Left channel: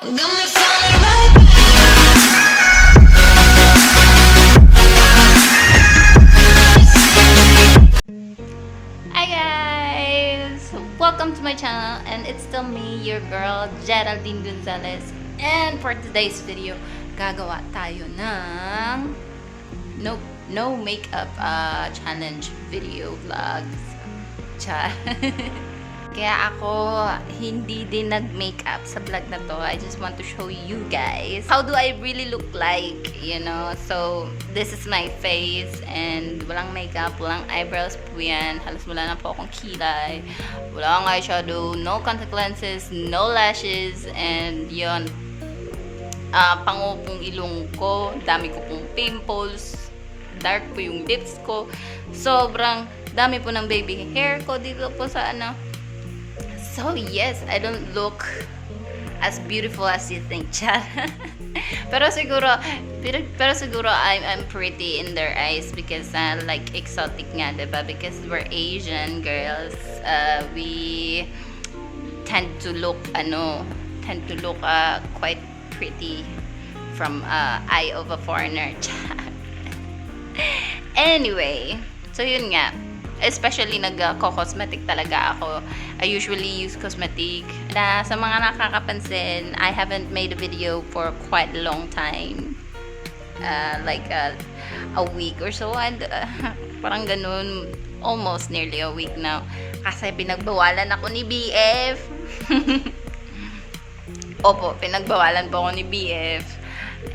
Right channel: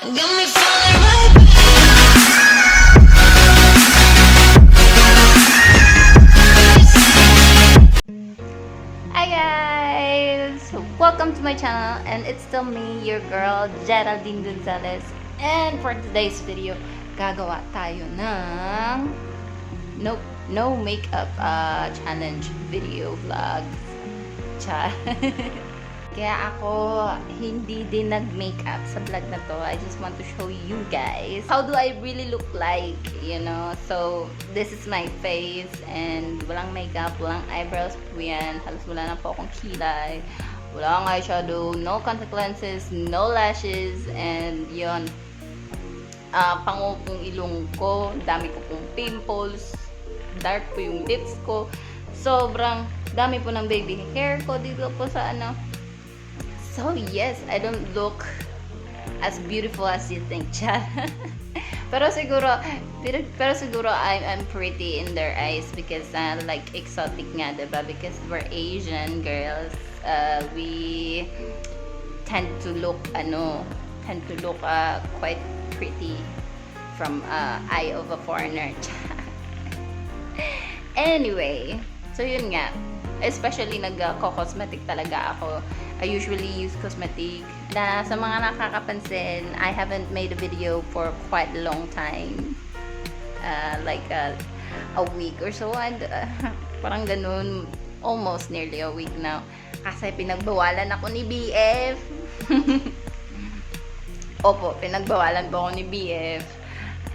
Got me falling right back. Hi guys! Welcome to my channel, and it's still me, your girl, Geraldine Gonzales. And for today's video, gagawa tayo ng no makeup challenge video vlogs. Char. Kaya ako hindi din nag-makeup sa vlog na to. I just want to show you guys how do I really look like, you know. So, this is my face and walang makeup, walang eyebrows po yan. Halos wala na po akong kilay. Walang eyeshadow, no contact lenses, no lashes, and yun. Pango pong ilong ko, dami ko pong pimples, dark po yung lips ko. Sobrang dami po ng baby hair ko dito po sa ano. So yes, I don't look as beautiful as you think, chat. pero siguro I'm pretty in their eyes because like exotic nga, diba? Because we're Asian girls, we tend to look quite pretty from eye of a foreigner. Anyway, so yun nga. Especially nagko-cosmetic talaga ako. I usually use cosmetic. Na sa mga nakakapansin, I haven't made a video for quite a long time. Like a week or so. And parang ganun, almost nearly a week now. Kasi pinagbawalan ako ni BF. Opo, pinagbawalan po ako ni BF.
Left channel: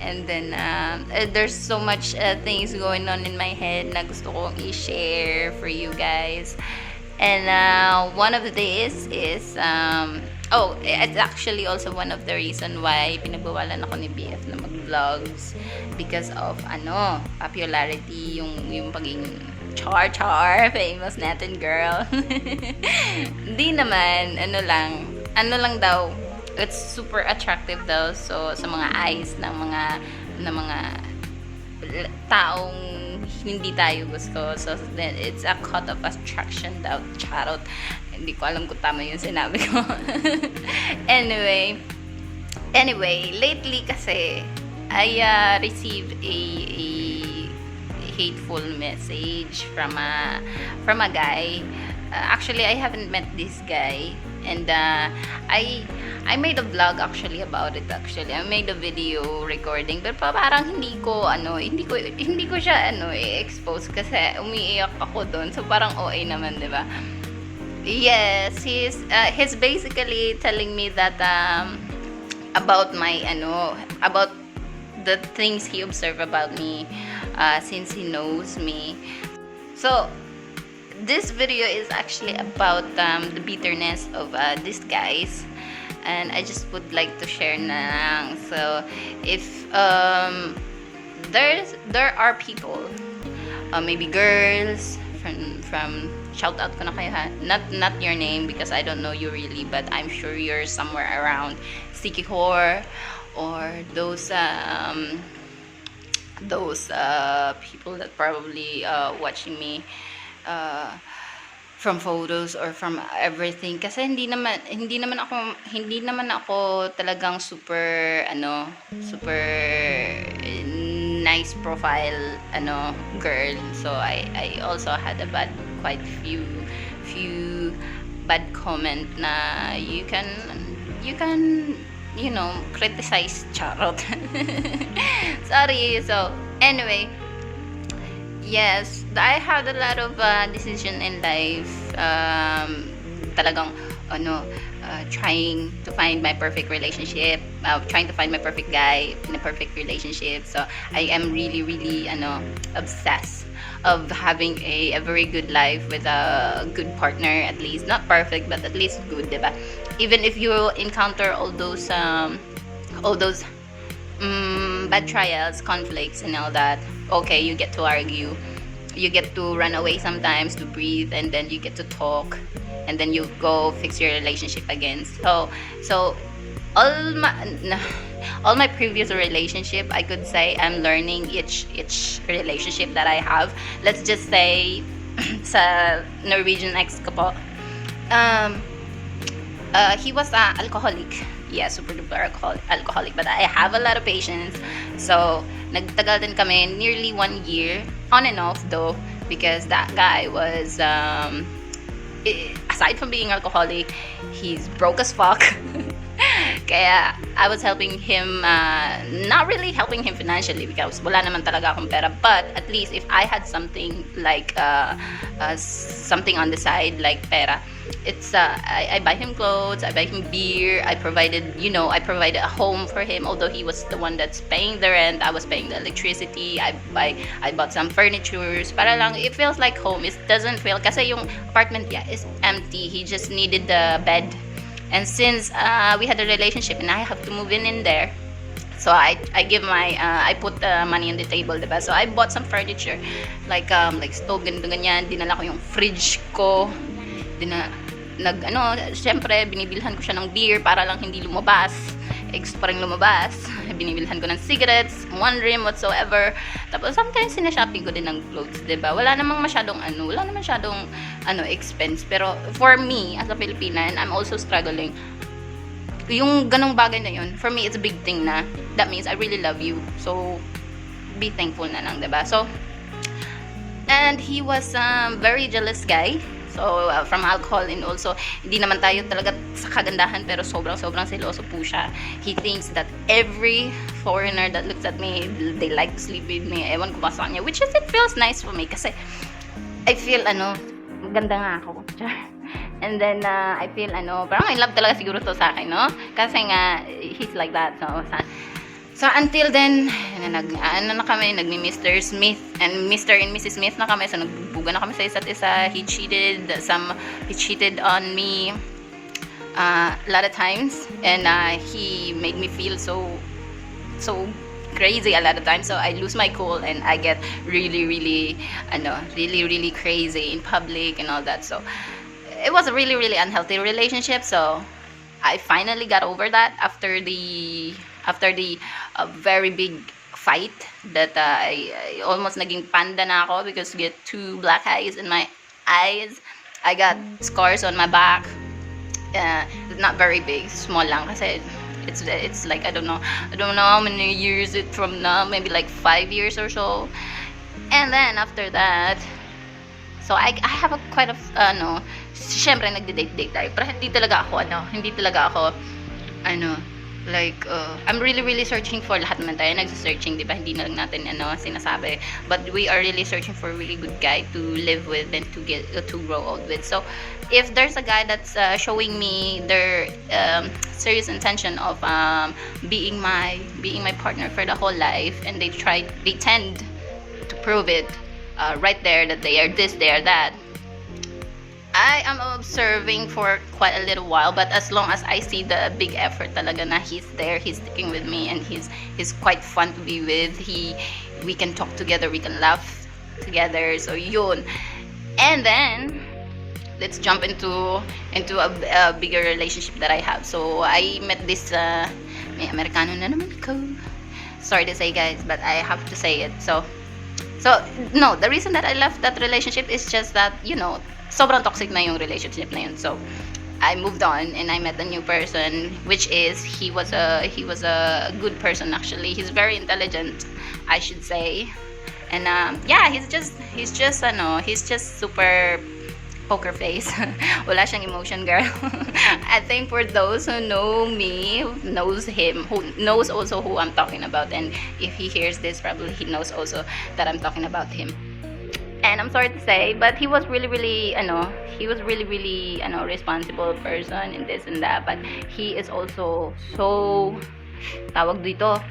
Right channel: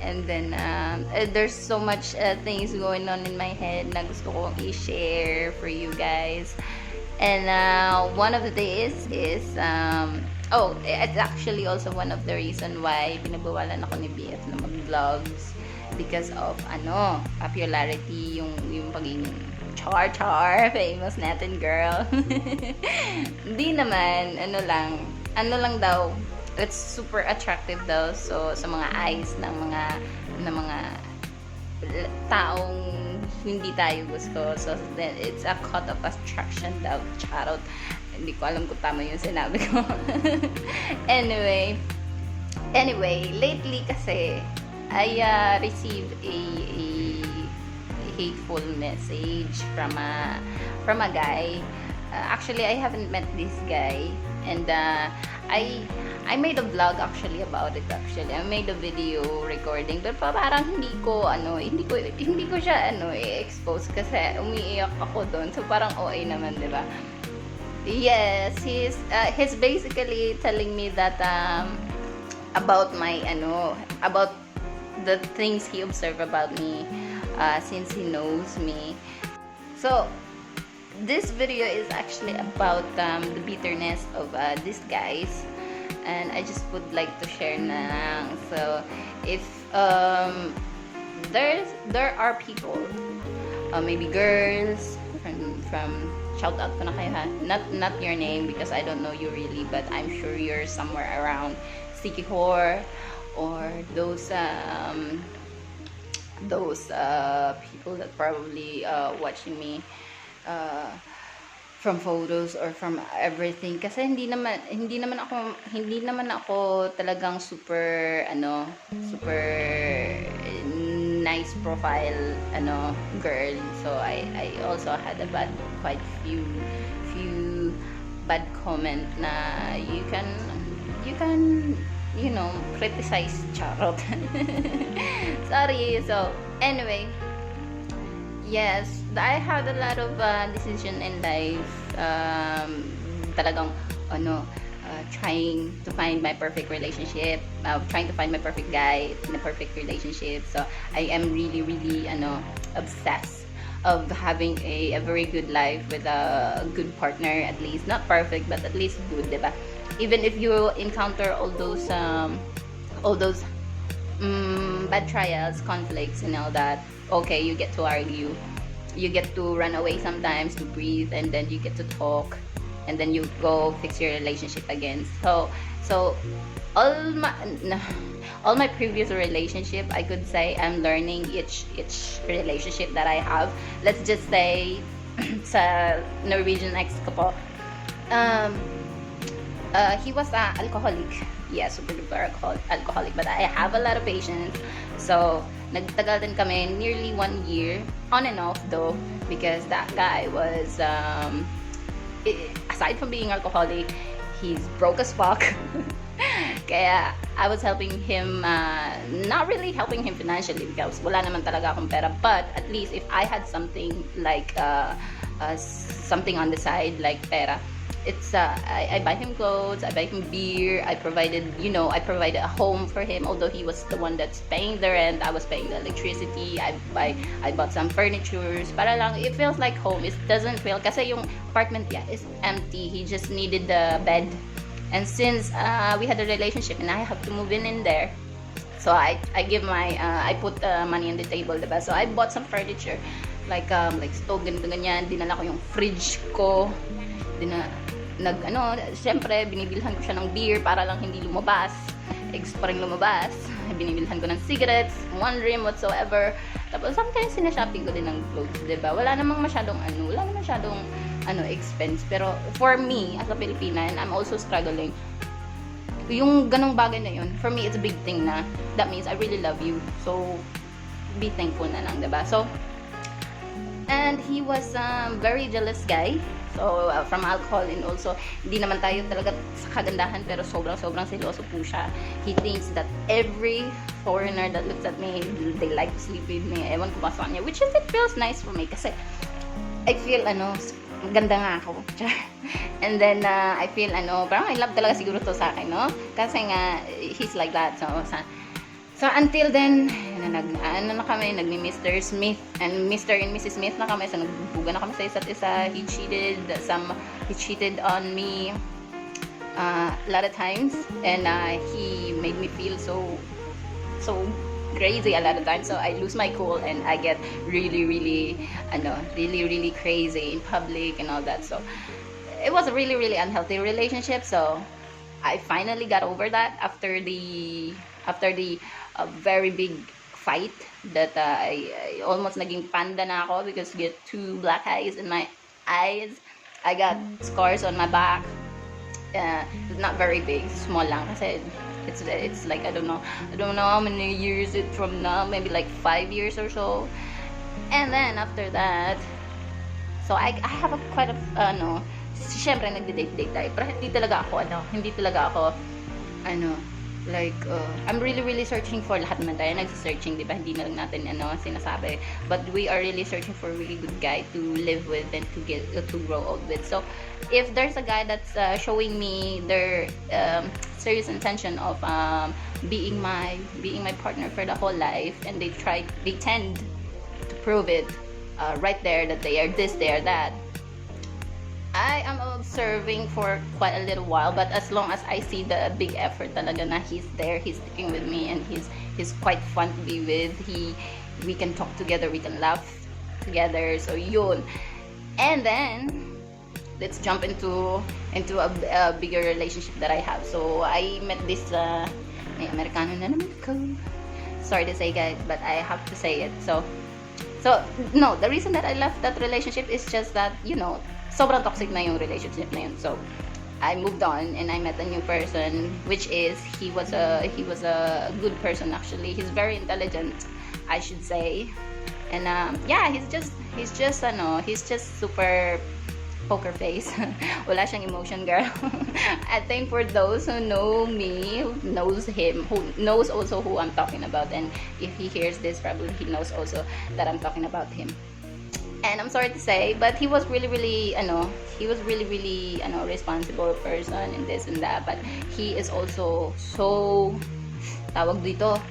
And then, there's so much things going on in my head na gusto kong i-share for you guys. And one of the days is, it's actually also one of the reason why pinagbawalan ako ni BF na mag-vlogs. Because of, popularity, yung pagiging char, famous natin girl. Hindi naman, ano lang daw, it's super attractive daw, so sa mga eyes ng mga taong hindi tayo gusto. So then it's a cut of attraction daw, charot. Hindi ko alam kung tama yung sinabi ko. anyway, lately kasi I received a hateful message from a guy. Actually, I haven't met this guy. And I made a vlog actually about it actually. I made a video recording pero parang hindi ko siya i-expose kasi umiiyak ako doon. So parang OA naman, 'di ba? Yes, he's basically telling me that about about the things he observed about me since he knows me. So this video is actually about the bitterness of these guys, and I just would like to share na lang. So if there are people, maybe girls from shout out ko na kayo ha, not your name because I don't know you really, but I'm sure you're somewhere around sticky whore or those people that probably watching me from photos or from everything, kasi hindi naman ako talagang super nice profile girl. So I also had a quite few bad comment na you can criticize, charot. Sorry. So anyway, yes, I had a lot of decision in life. Talagang trying to find my perfect relationship, trying to find my perfect guy in a perfect relationship. So I am really obsessed of having a very good life with a good partner, at least not perfect but at least good, diba? Even if you encounter all those bad trials, conflicts and all that, okay, you get to argue, you get to run away sometimes to breathe, and then you get to talk, and then you go fix your relationship again. So all my previous relationship, I could say I'm learning each relationship that I have. Let's just say sa Norwegian ex ko po, he was alcoholic. super duper alcoholic, but I have a lot of patience. So, nagtagal din kami, nearly 1 year, on and off though, because that guy was, aside from being alcoholic, he's broke as fuck. Kaya I was helping him, not really helping him financially because wala naman talaga akong pera, but at least if I had something like something on the side like pera, it's I buy him clothes, I buy him beer, I provided a home for him, although he was the one that's paying the rent, I was paying the electricity, I bought some furnitures para lang it feels like home. It doesn't feel kasi yung apartment is empty, he just needed the bed. And since we had a relationship and I have to move in there, so I put money on the table, diba? So I bought some furniture, like stove, ganyan. Dinala ko yung fridge ko. Siyempre, binibilhan ko siya ng beer para lang hindi lumabas. Gusto pa rin lumabas. Binibilhan ko ng cigarettes, one rim whatsoever. Tapos sometimes sinashopping ko din ng clothes, diba? Wala namang masyadong expense. Pero for me, as a Filipina, and I'm also struggling, yung ganong bagay na yun, for me, it's a big thing na. That means I really love you. So, be thankful na lang, diba? So, and he was a very jealous guy. So, from alcohol, and also, hindi naman tayo talaga sa kagandahan, pero sobrang seloso po siya. He thinks that every foreigner that looks at me, they like to sleep with me. Ewan ko ba sa kanya, which is, it feels nice for me, kasi I feel, ganda nga ako. And then, I feel, parang I love talaga siguro to sa akin, no? Kasi nga, he's like that. So until then, nagmi-Mr. Smith and Mr. and Mrs. Smith na kami. So, nagbubuga na kami sa isa't isa. He cheated on me a lot of times. And he made me feel so crazy a lot of times. So, I lose my cool and I get really crazy in public and all that. So, it was a really unhealthy relationship. So, I finally got over that after the very big fight that I almost naging panda na ako because I get 2 black eyes in my eyes. I got scars on my back. Not very big, small lang kasi it's like I don't know how many years it from now, maybe like 5 years or so. And then after that, so I have a quite a syempre nagde-date tayo, pero hindi talaga ako like I'm really searching for, lahat naman tayo nagse-searching, di ba? Hindi na lang natin sinasabi, but we are really searching for a really good guy to live with and to grow old with. So if there's a guy that's showing me their serious intention of being my partner for the whole life, and they tend to prove it right there that they are this, they are that, I am observing for quite a little while, but as long as I see the big effort talaga na he's there, he's sticking with me, and he's quite fun to be with. We can talk together, we can laugh together. So yun. And then let's jump into a bigger relationship that I have. So I met this may Amerikano na naman ako. Sorry to say, guys, but I have to say it. So no, the reason that I left that relationship is just that, sobrang toxic na yung relationship na yun. So I moved on and I met a new person, which is he was a good person actually. He's very intelligent, I should say. And he's just super poker face. Wala siyang emotion, girl. I think for those who know me, knows him, who knows also who I'm talking about, and if he hears this, probably he knows also that I'm talking about him. And I'm sorry to say, but he was really responsible person in this and that. But he is also so, tawag dito,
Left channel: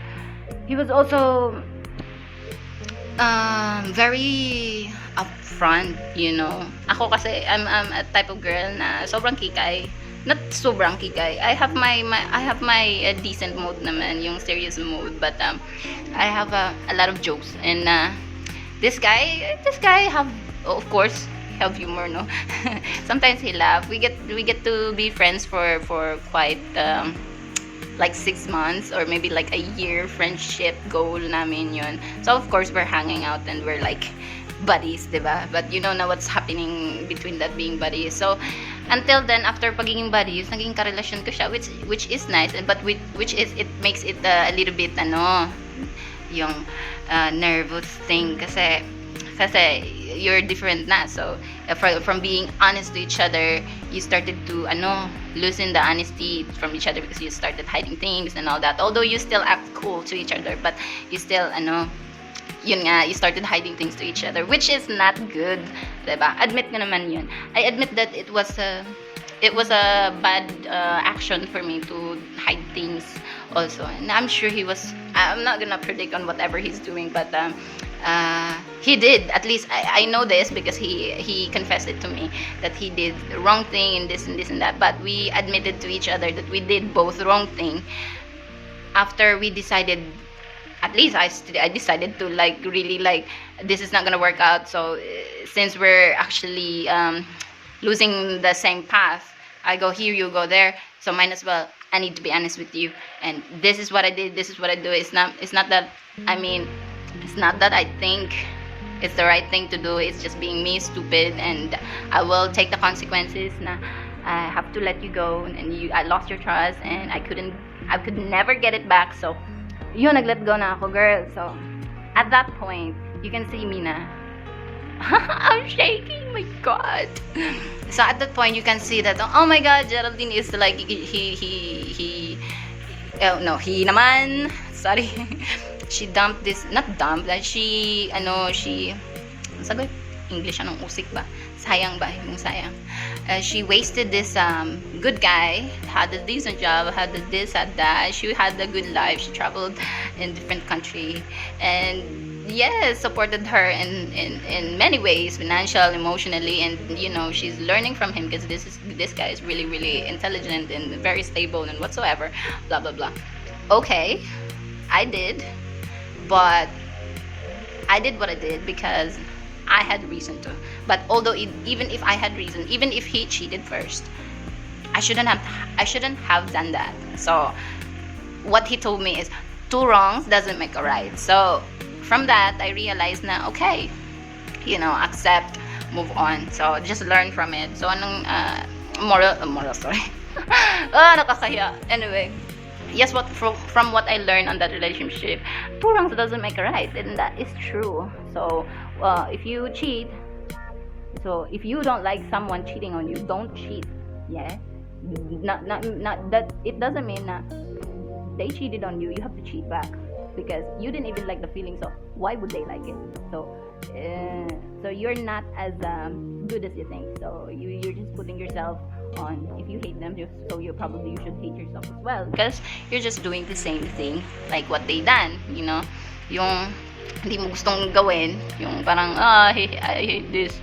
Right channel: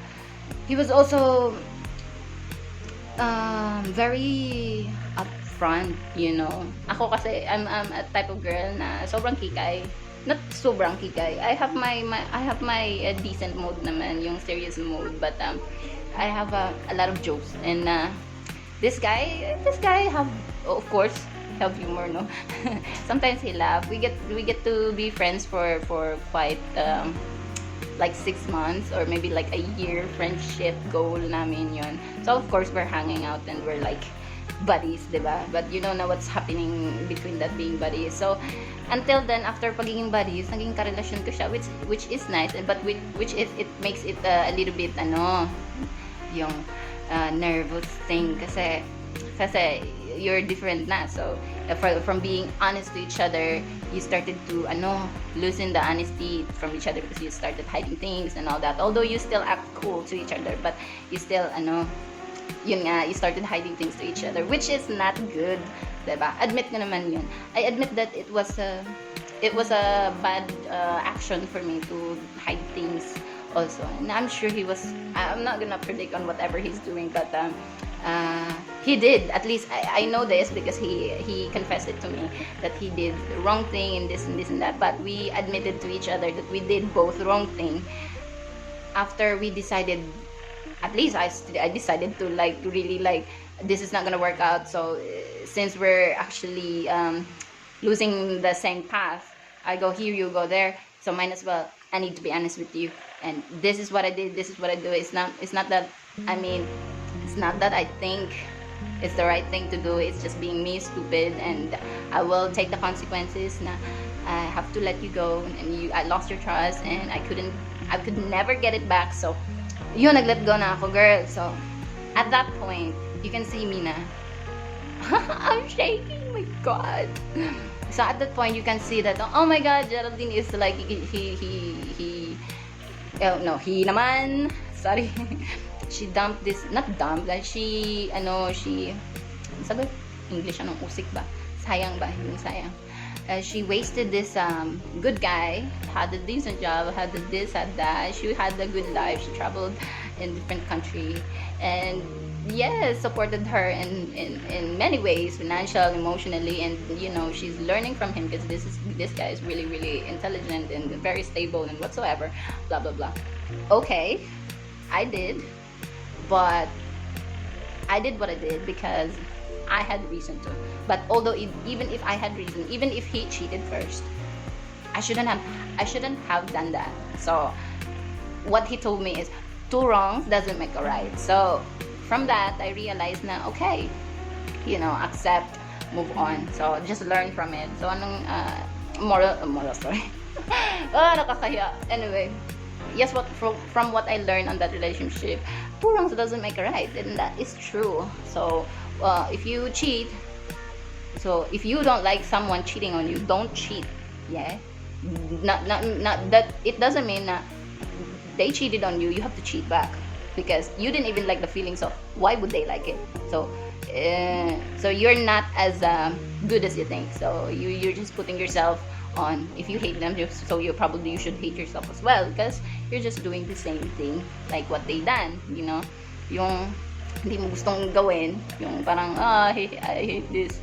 he was also very upfront, Ako kasi, I'm a type of girl na sobrang kikay. Not sobrang kikay. I have my decent mood naman, yung serious mood. But I have a lot of jokes. And this guy have, of course, have humor, no? Sometimes he laugh. We get to be friends for quite like 6 months or maybe like a year friendship goal namin yun. So of course we're hanging out and we're like buddies, diba? But you know na what's happening between that being buddies. So until then, after pagiging buddies, naging karelasyon ko siya, which is nice, but which is, it makes it a little bit, yung nervous thing, kasi you're different na. So from being honest to each other, you started to loosen the honesty from each other, because you started hiding things and all that, although you still act cool to each other, but you still yun nga, you started hiding things to each other, which is not good, diba? Admit ko naman yun. I admit that it was a bad action for me to hide things also, and I'm sure I'm not gonna predict on whatever he's doing, but he did. At least I know this, because he confessed it to me, that he did the wrong thing in this and this and that, but we admitted to each other that we did both wrong thing after we decided. At least I decided to really this is not gonna work out. So since we're actually losing the same path, I go here, you go there, so might as well, I need to be honest with you, and this is what I did, this is what I do. It's not that, it's not that I think it's the right thing to do. It's just being me, stupid, and I will take the consequences. Na I have to let you go, and I lost your trust, and I could never get it back. So yun, nag-let go na ako, girl. So at that point, you can see me na I'm shaking, my god. So at that point, you can see that, oh my god, Geraldine is like, he naman, sorry. She dumped this, not dumped, she sabi, English, anong usik ba? Sayang ba? Yung sayang. She wasted this good guy, had a decent job, had a this, had that. She had a good life. She traveled in different country, and yes, supported her in many ways, financial, emotionally, and she's learning from him, because this guy is really, really intelligent and very stable and whatsoever. Blah blah blah. Okay, I did, but I did what I did because I had reason to. But although even if I had reason, even if he cheated first, I shouldn't have done that. So what he told me is, two wrongs doesn't make a right. So from that, I realized na, okay, accept, move on. So just learn from it. So anong moral story? Nakakaya. Anyway, yes, from what I learned on that relationship, two wrongs doesn't make a right, and that is true. So if you cheat, so if you don't like someone cheating on you, don't cheat. Yeah, not that it doesn't mean that they cheated on you, you have to cheat back, because you didn't even like the feeling, so why would they like it? So you're not as good as you think. So you're just putting yourself on. If you hate them, so you should hate yourself as well, because you're just doing the same thing like what they done. Yung hindi mo gustong gawin, yung parang I hate this,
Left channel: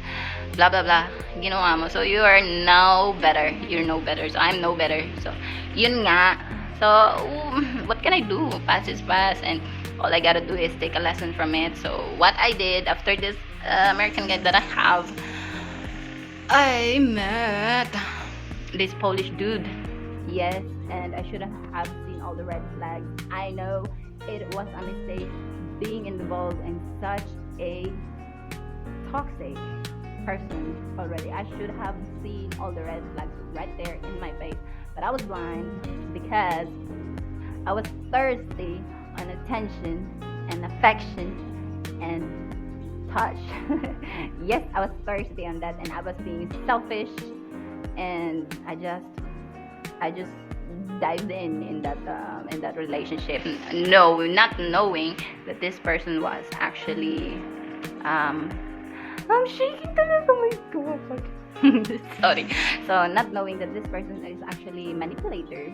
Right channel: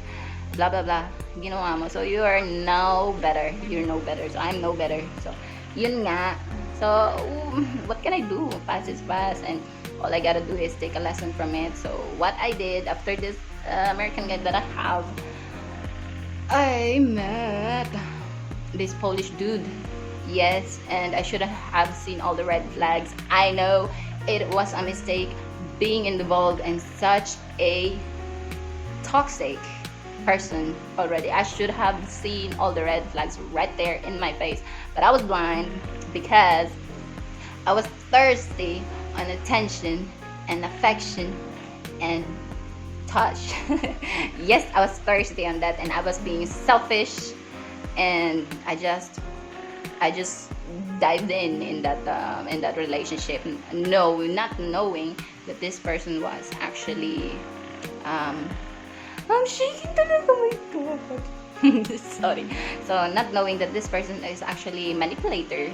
blah blah blah, ginawa mo. So you are no better. You're no better. So I'm no better. So yun nga. So what can I do? Past is past, and all I gotta do is take a lesson from it. So what I did after this American guy that I have, I met this Polish dude. Yes, and I should have seen all the red flags. I know it was a mistake being involved in such a toxic person already. I should have seen all the red flags right there in my face, but I was blind because I was thirsty on attention and affection and touch. Yes, I was thirsty on that, and I was being selfish, and I just dived in that relationship, not knowing that this person was actually I'm shaking talaga, my god. Sorry. So not knowing that this person is actually manipulator,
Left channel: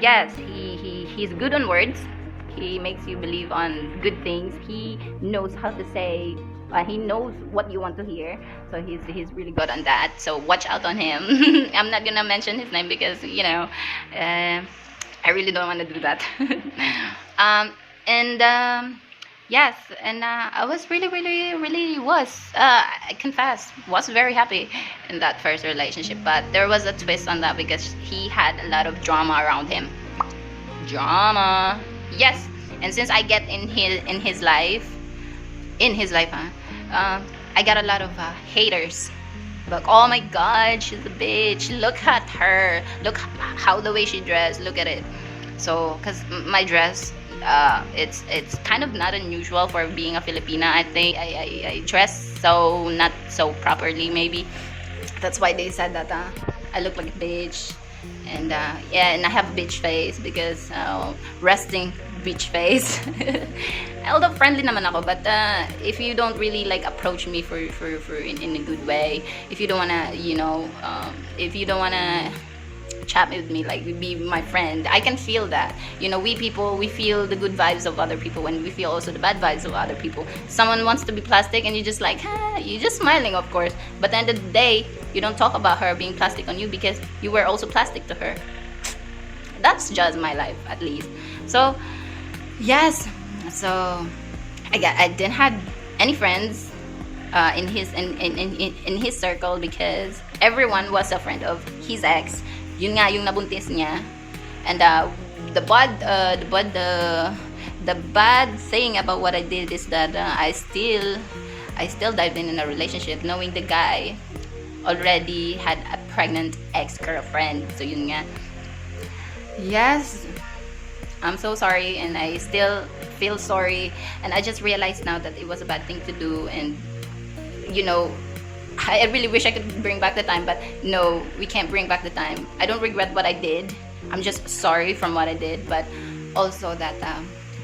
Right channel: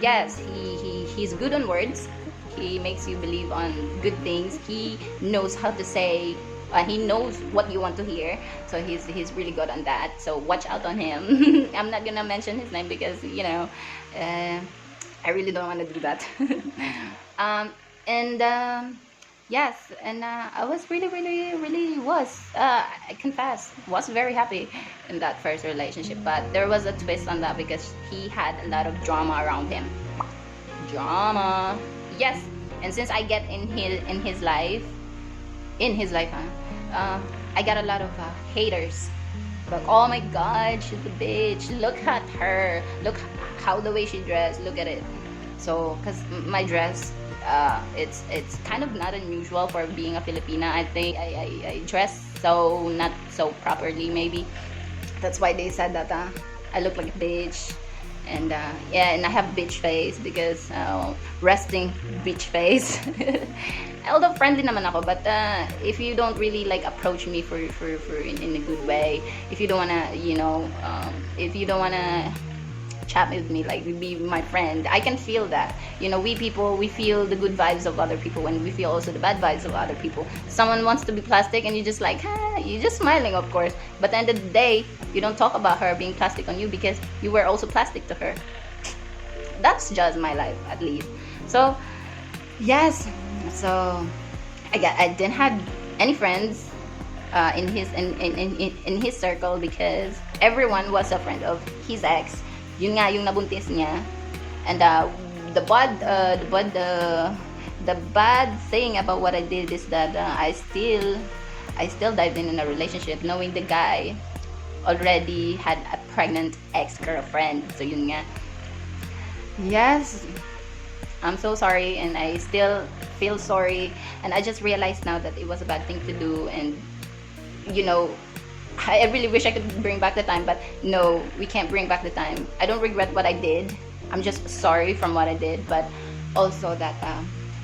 yes, he's good on words. He makes you believe on good things. He knows how to say, he knows what you want to hear. So he's really good on that. So watch out on him. I'm not gonna mention his name because I really don't want to do that. Yes, and I was really I confess, was very happy in that first relationship. But there was a twist on that because he had a lot of drama around him. Drama, yes. And since I get in his life, I got a lot of haters. Like, oh my god, she's a bitch. Look at her. Look how the way she dressed. Look at it. So, cause my dress, it's kind of not unusual for being a Filipina. I think I dress so not so properly. Maybe that's why they said that I look like a bitch. And yeah, and I have a bitch face because resting bitch face. Although friendly naman ako, but if you don't really like approach me for in a good way, if you don't wanna, if you don't wanna chat with me, like be my friend, I can feel that. We people, we feel the good vibes of other people, and we feel also the bad vibes of other people. Someone wants to be plastic, and you just like, you just smiling, of course. But at the end of the day, you don't talk about her being plastic on you because you were also plastic to her. That's just my life, at least. So, yes. So, I didn't have any friends in his circle because everyone was a friend of his ex. Yun nga yung nabuntis niya. And the bad thing about what I did is that I still dived in a relationship knowing the guy already had a pregnant ex-girlfriend. So yun nga. Yes, I'm so sorry, and I still feel sorry, and I just realized now that it was a bad thing to do. And I really wish I could bring back the time, but no, we can't bring back the time. I don't regret what I did. I'm just sorry from what I did, but also that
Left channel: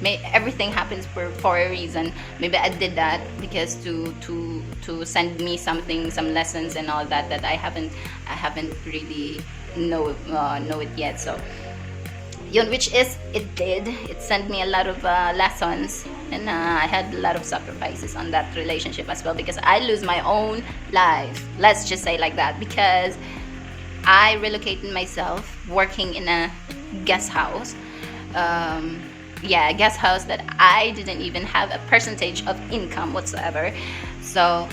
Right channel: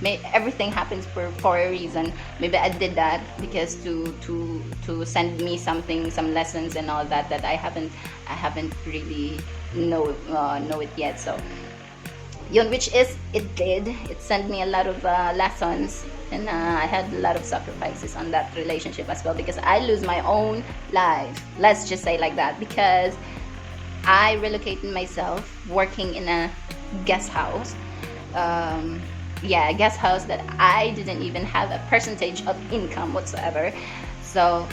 everything happens for a reason. Maybe I did that because to send me something, some lessons and all that I haven't really know it yet. So yun, which is it sent me a lot of lessons, and I had a lot of sacrifices on that relationship as well, because I lose my own life, let's just say like that, because I relocated myself working in a guest house, a guest house that I didn't even have a percentage of income whatsoever. So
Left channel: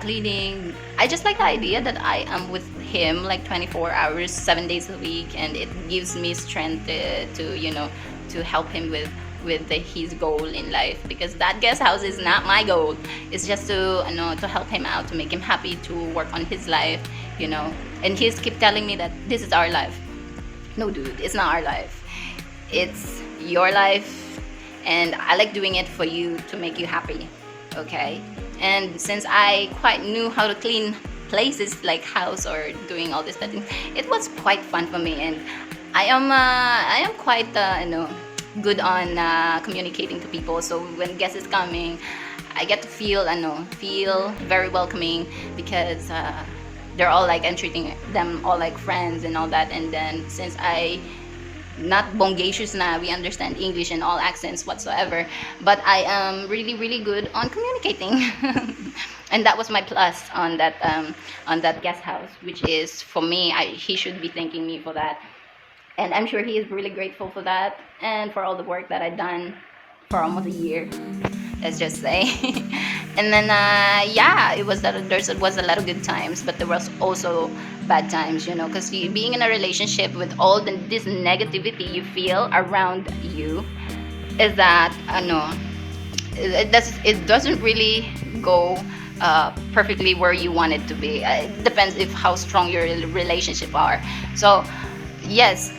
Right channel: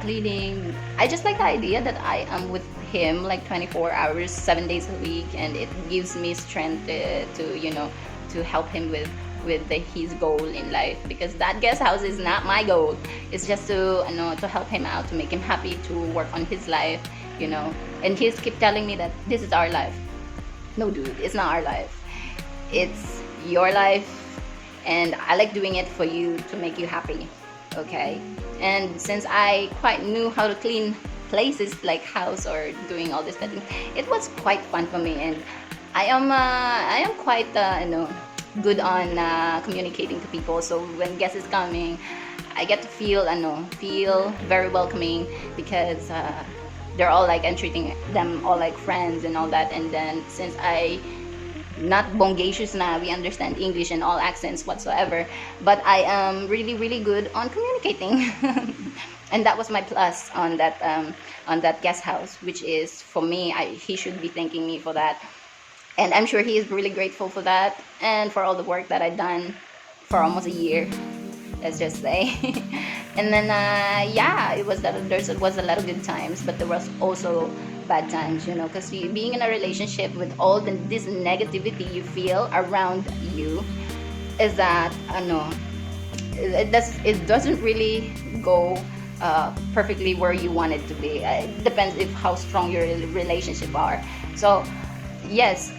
cleaning, I just like the idea that I am with him like 24 hours 7 days a week, and it gives me strength to help him with his goal in life, because that guest house is not my goal. It's just to help him out, to make him happy, to work on his life, and he's keep telling me that this is our life. No, dude, it's not our life. It's your life, and I like doing it for you, to make you happy. Okay? And since I quite knew how to clean places like house or doing all this thing, it was quite fun for me, and I am quite good on communicating to people. So when guests is coming, I get to feel very welcoming, because they're all like, I'm treating them all like friends and all that. And then since I not bongacious na, we understand English and all accents whatsoever, but I am really, really good on communicating. And that was my plus on that guest house, which is, for me, he should be thanking me for that. And I'm sure he is really grateful for that, and for all the work that I've done for almost a year, let's just say. And then it was that there was a lot of good times, but there was also bad times, because being in a relationship with all this negativity you feel around you, is that it doesn't really go perfectly where you want it to be. It depends if how strong your relationship are. So yes,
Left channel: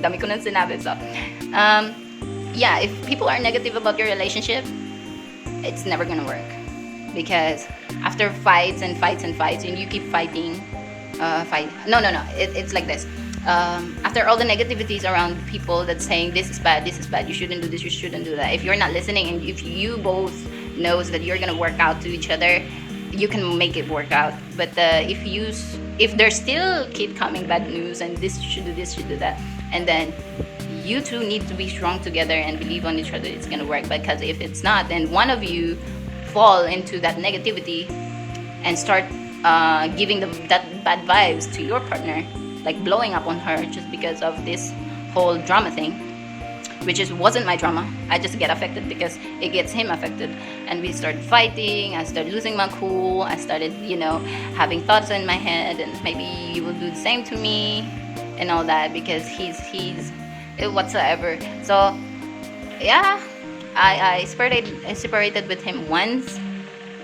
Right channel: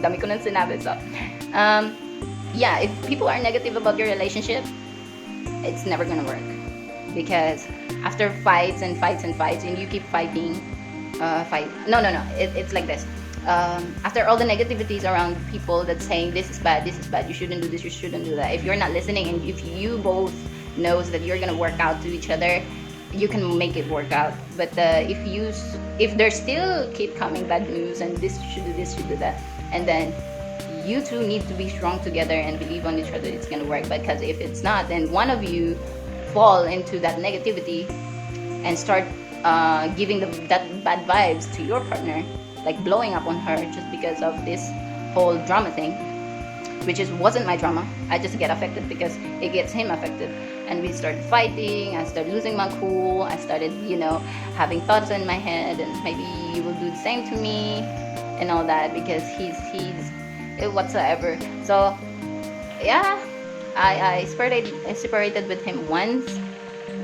dami ko nang sinabi. So if people are negative about your relationship, it's never gonna work, because after fights and fights and fights, and you keep fighting, it's like this. After all the negativities around people that's saying this is bad, you shouldn't do this, you shouldn't do that, if you're not listening, and if you both knows that you're gonna work out to each other, you can make it work out. But if there still keep coming bad news, and this should do that, and then you two need to be strong together and believe on each other, it's gonna work. Because if it's not, then one of you fall into that negativity and start giving that bad vibes to your partner, like blowing up on her just because of this whole drama thing, which wasn't my drama. I just get affected because it gets him affected, and we start fighting. I started losing my cool. I started having thoughts in my head, and maybe he will do the same to me and all that, because he's whatsoever. So I separated with him once.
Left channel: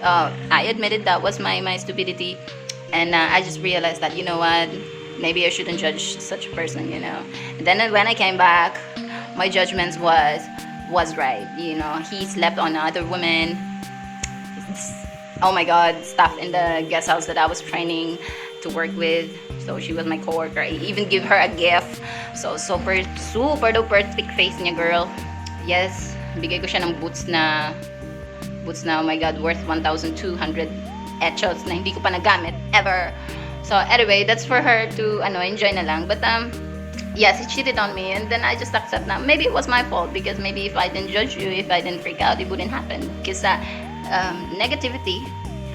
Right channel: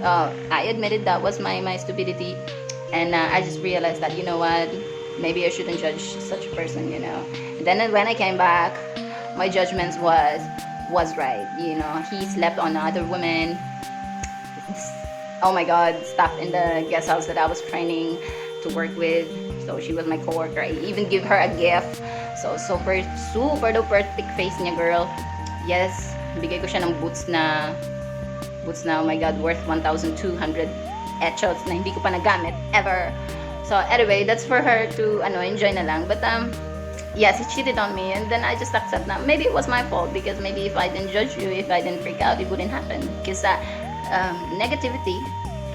I admitted that was my stupidity, and I just realized that, you know what, maybe I shouldn't judge such a person, you know. And then when I came back, my judgments was right. You know, he slept on other women. Oh my god, stuff in the guest house that I was training to work with. So she was my coworker. I even give her a gift. So super duper thick face niya, girl. Yes, bigay ko siya ng boots na, oh my god, worth 1,200 echoes na hindi ko pa nagamit ever. So anyway, that's for her to enjoy na lang. But yes, he cheated on me, and then I just accept now. Maybe it was my fault, because maybe if I didn't judge you, if I didn't freak out, it wouldn't happen. Because negativity,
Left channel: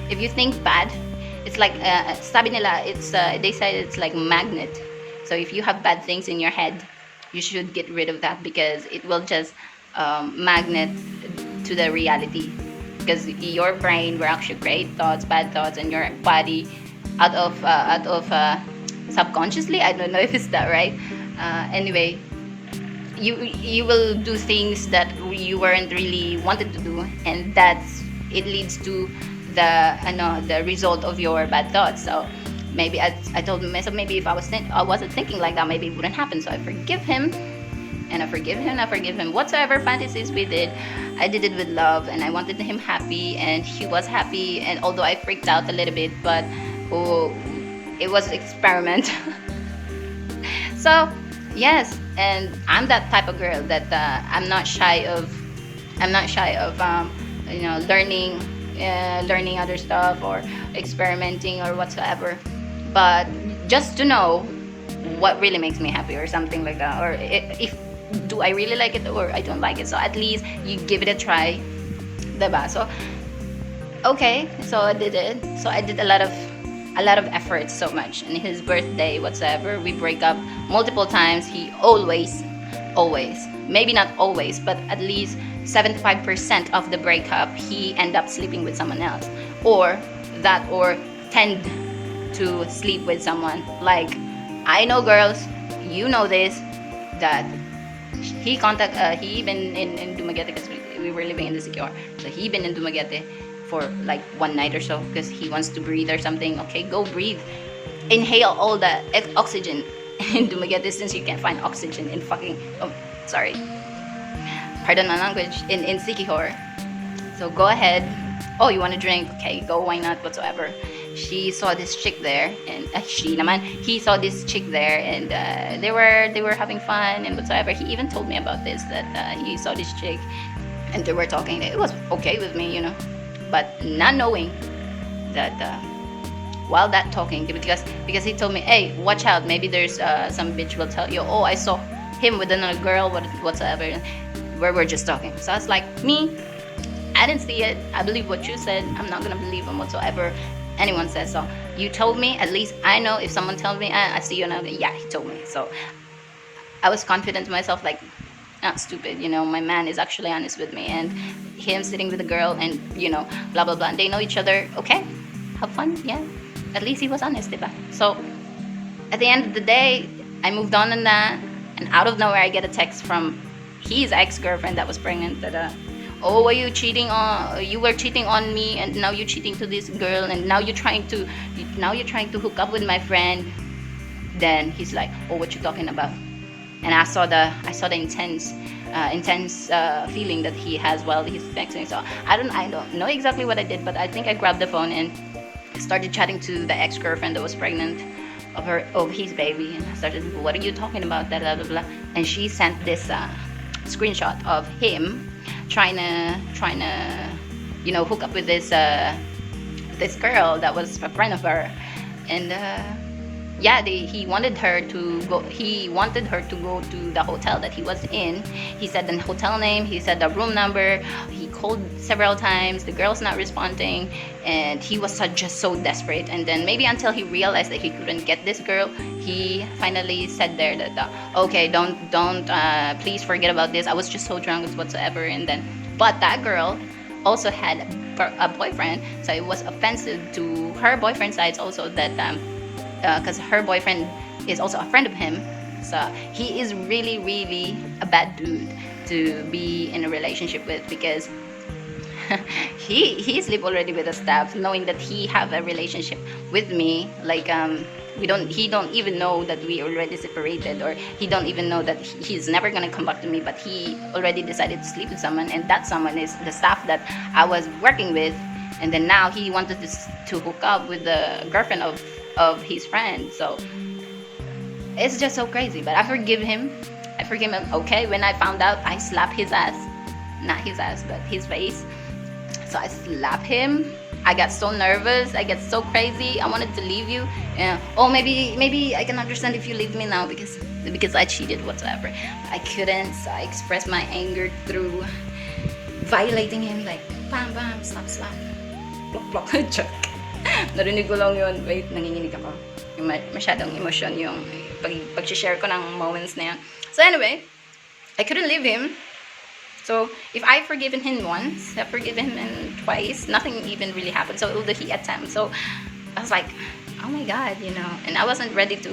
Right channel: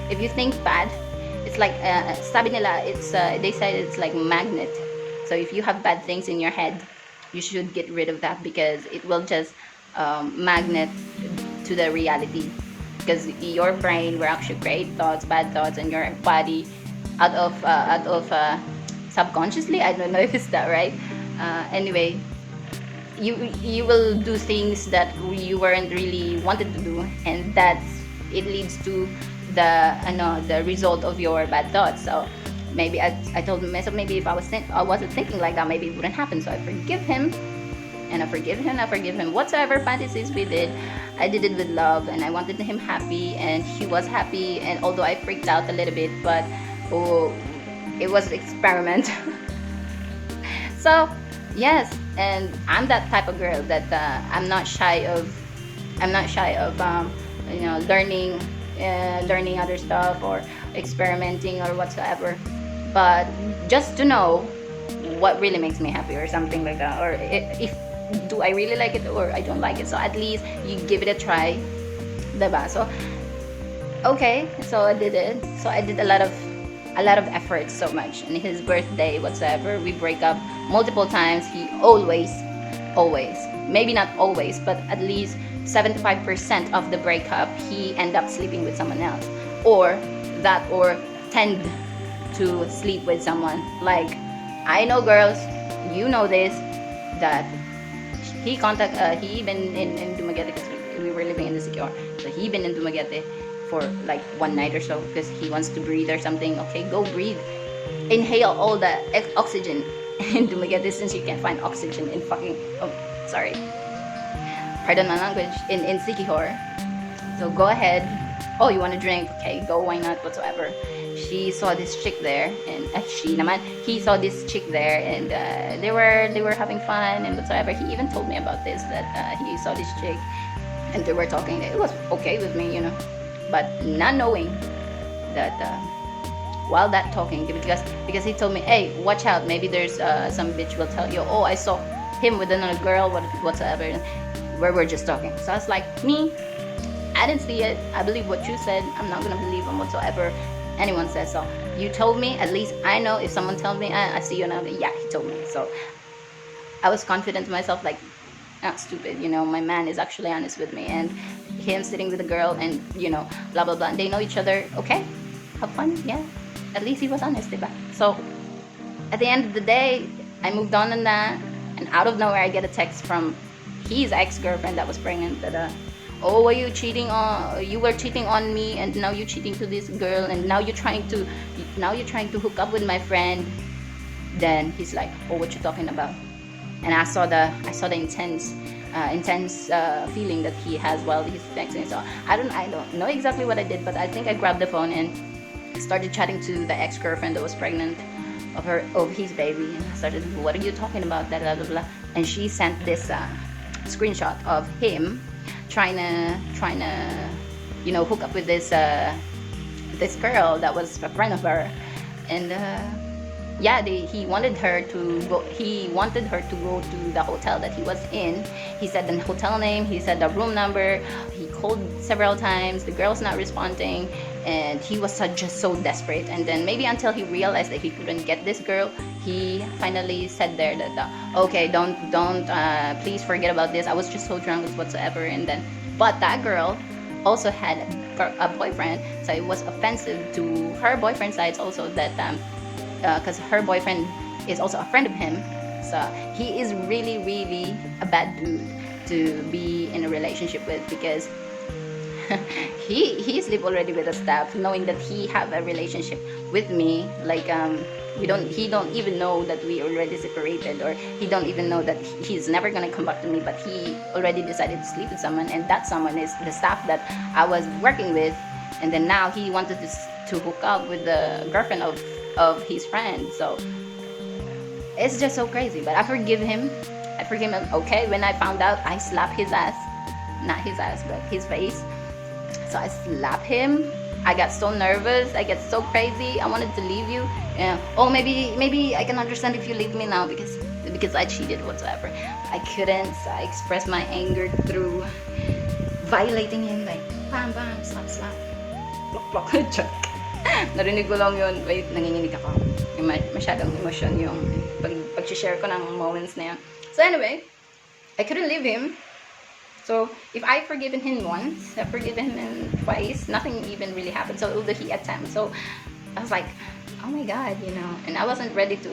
if you think bad, it's like sabi nila, it's they say it's like a magnet. So if you have bad things in your head, you should get rid of that, because it will just magnet to the reality. Because your brain will actually create thoughts, bad thoughts, and your body out of subconsciously. I don't know if it's that right. Anyway, you will do things that you weren't really wanted to do, and it leads to the result of your bad thoughts. So maybe I told myself, maybe if I wasn't thinking like that, maybe it wouldn't happen. So I forgive him, and I forgive him whatsoever fantasies we did. I did it with love, and I wanted him happy, and he was happy. And although I freaked out a little bit, but it was an experiment. So yes, and I'm that type of girl that I'm not shy of learning other stuff or experimenting or whatsoever. But just to know what really makes me happy or something like that, or if do I really like it or I don't like it. So at least you give it a try, diba? So okay, so I did it. So I did a lot of effort, so much. And his birthday, whatsoever, we break up multiple times. He always, maybe not always, but at least 75% of the breakup, he end up sleeping with someone else, or tend to sleep with someone. Like, I know girls, you know this, that he been in Dumaguete, because we were living in the secure. So he been in Dumaguete for like one night or so, because he wants to breathe or something. Okay, go breathe, inhale all the oxygen in Dumaguete, since you can find oxygen in fucking pardon my language, in Sikihor. So go ahead. Oh, you want to drink? Okay, go, why not, whatsoever. She saw this chick there, and he saw this chick there, and they were having fun and whatsoever. He even told me about this, that he saw this chick, and they were talking. It was okay with me, you know, but not knowing that while that talking, because he told me, hey, watch out, maybe there's some bitch will tell you, oh, I saw him with another girl, whatsoever, where we're just talking. So it's like, me, I didn't see it. I believe what you said. I'm not gonna believe him whatsoever anyone says. So you told me, at least I know. If someone tells me, I see you now, yeah, he told me. So I was confident to myself, like, not stupid, you know, my man is actually honest with me, and him sitting with a girl, and blah blah blah, and they know each other. Okay, have fun, yeah, at least he was honest, diba? So at the end of the day, I moved on that, and out of nowhere I get a text from his ex-girlfriend that was pregnant, that oh, were you cheating on? You were cheating on me, and now you're cheating to this girl, and now you're trying to hook up with my friend. Then he's like, oh, what you talking about? And I saw the intense feeling that he has while he's texting. So I don't know exactly what I did, but I think I grabbed the phone and started chatting to the ex-girlfriend that was pregnant of his baby, and I started, what are you talking about? Blah, blah, blah. And she sent this screenshot of him trying to hook up with this girl that was a friend of her, and he wanted her to go to the hotel that he was in. He said the hotel name, he said the room number, he called several times, the girl's not responding, and he was just so desperate. And then maybe until he realized that he couldn't get this girl, he finally said there that okay, don't please forget about this, I was just so drunk whatsoever. And then, but that girl also had a boyfriend, so it was offensive to her boyfriend's side also, that because her boyfriend is also a friend of him. So he is really, really a bad dude to be in a relationship with, because he sleep already with the staff, knowing that he have a relationship with me. Like he don't even know that we already separated, or he don't even know that he's never gonna come back to me. But he already decided to sleep with someone, and that someone is the staff that I was working with. And then now he wanted to hook up with the girlfriend of his friend. So it's just so crazy. But I forgive him. I forgive him. Okay, when I found out, I slapped his ass. Not his ass, but his face. So I slapped him. I got so nervous. I get so crazy. I wanted to leave you. Yeah. Oh, maybe I can understand if you leave me now because I cheated whatsoever. I couldn't. So I expressed my anger through violating him, like bam bam, slap slap. Joke. Narinig ko lang yun. Wait, nanginginig ako. Masyadong emotion yung pag-share ko ng moments na yun. So anyway, I couldn't leave him. So if I forgiven him once, I forgiven him twice, nothing even really happened. So although he attempted, so I was like, oh my god, you know. And I wasn't ready to